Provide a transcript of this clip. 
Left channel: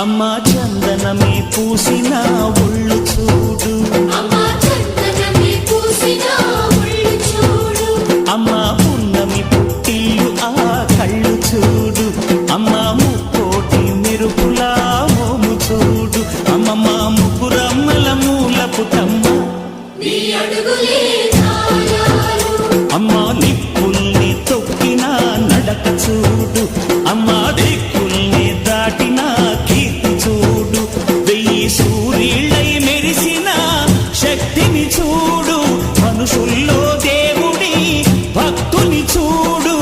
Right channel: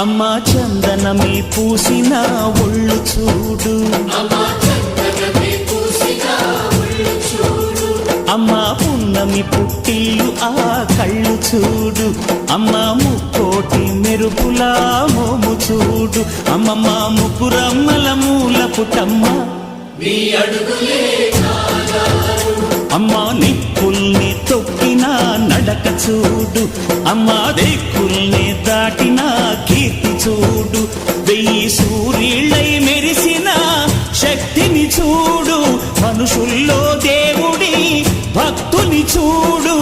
అమ్మా చందనమే పూసిన ఒళ్ళు చూడు, అమ్మా పున్నమి పుట్టిల్లు ఆ కళ్ళు చూడు, అమ్మా ముక్కోటి మెరుపులా మోము చూడు, అమ్మమ్మ ముగ్గురమ్మల మూల పుటమ్మ అమ్మా నిప్పుల్ని తొక్కిన నడక చూడు, అమ్మా దిక్కుల్ని దాటిన కీర్తి చూడు, 1000 సూర్యుళ్ళై మెరిసిన శక్తిని చూడు, మనుషుల్లో దేవుడి భక్తుని చూడు.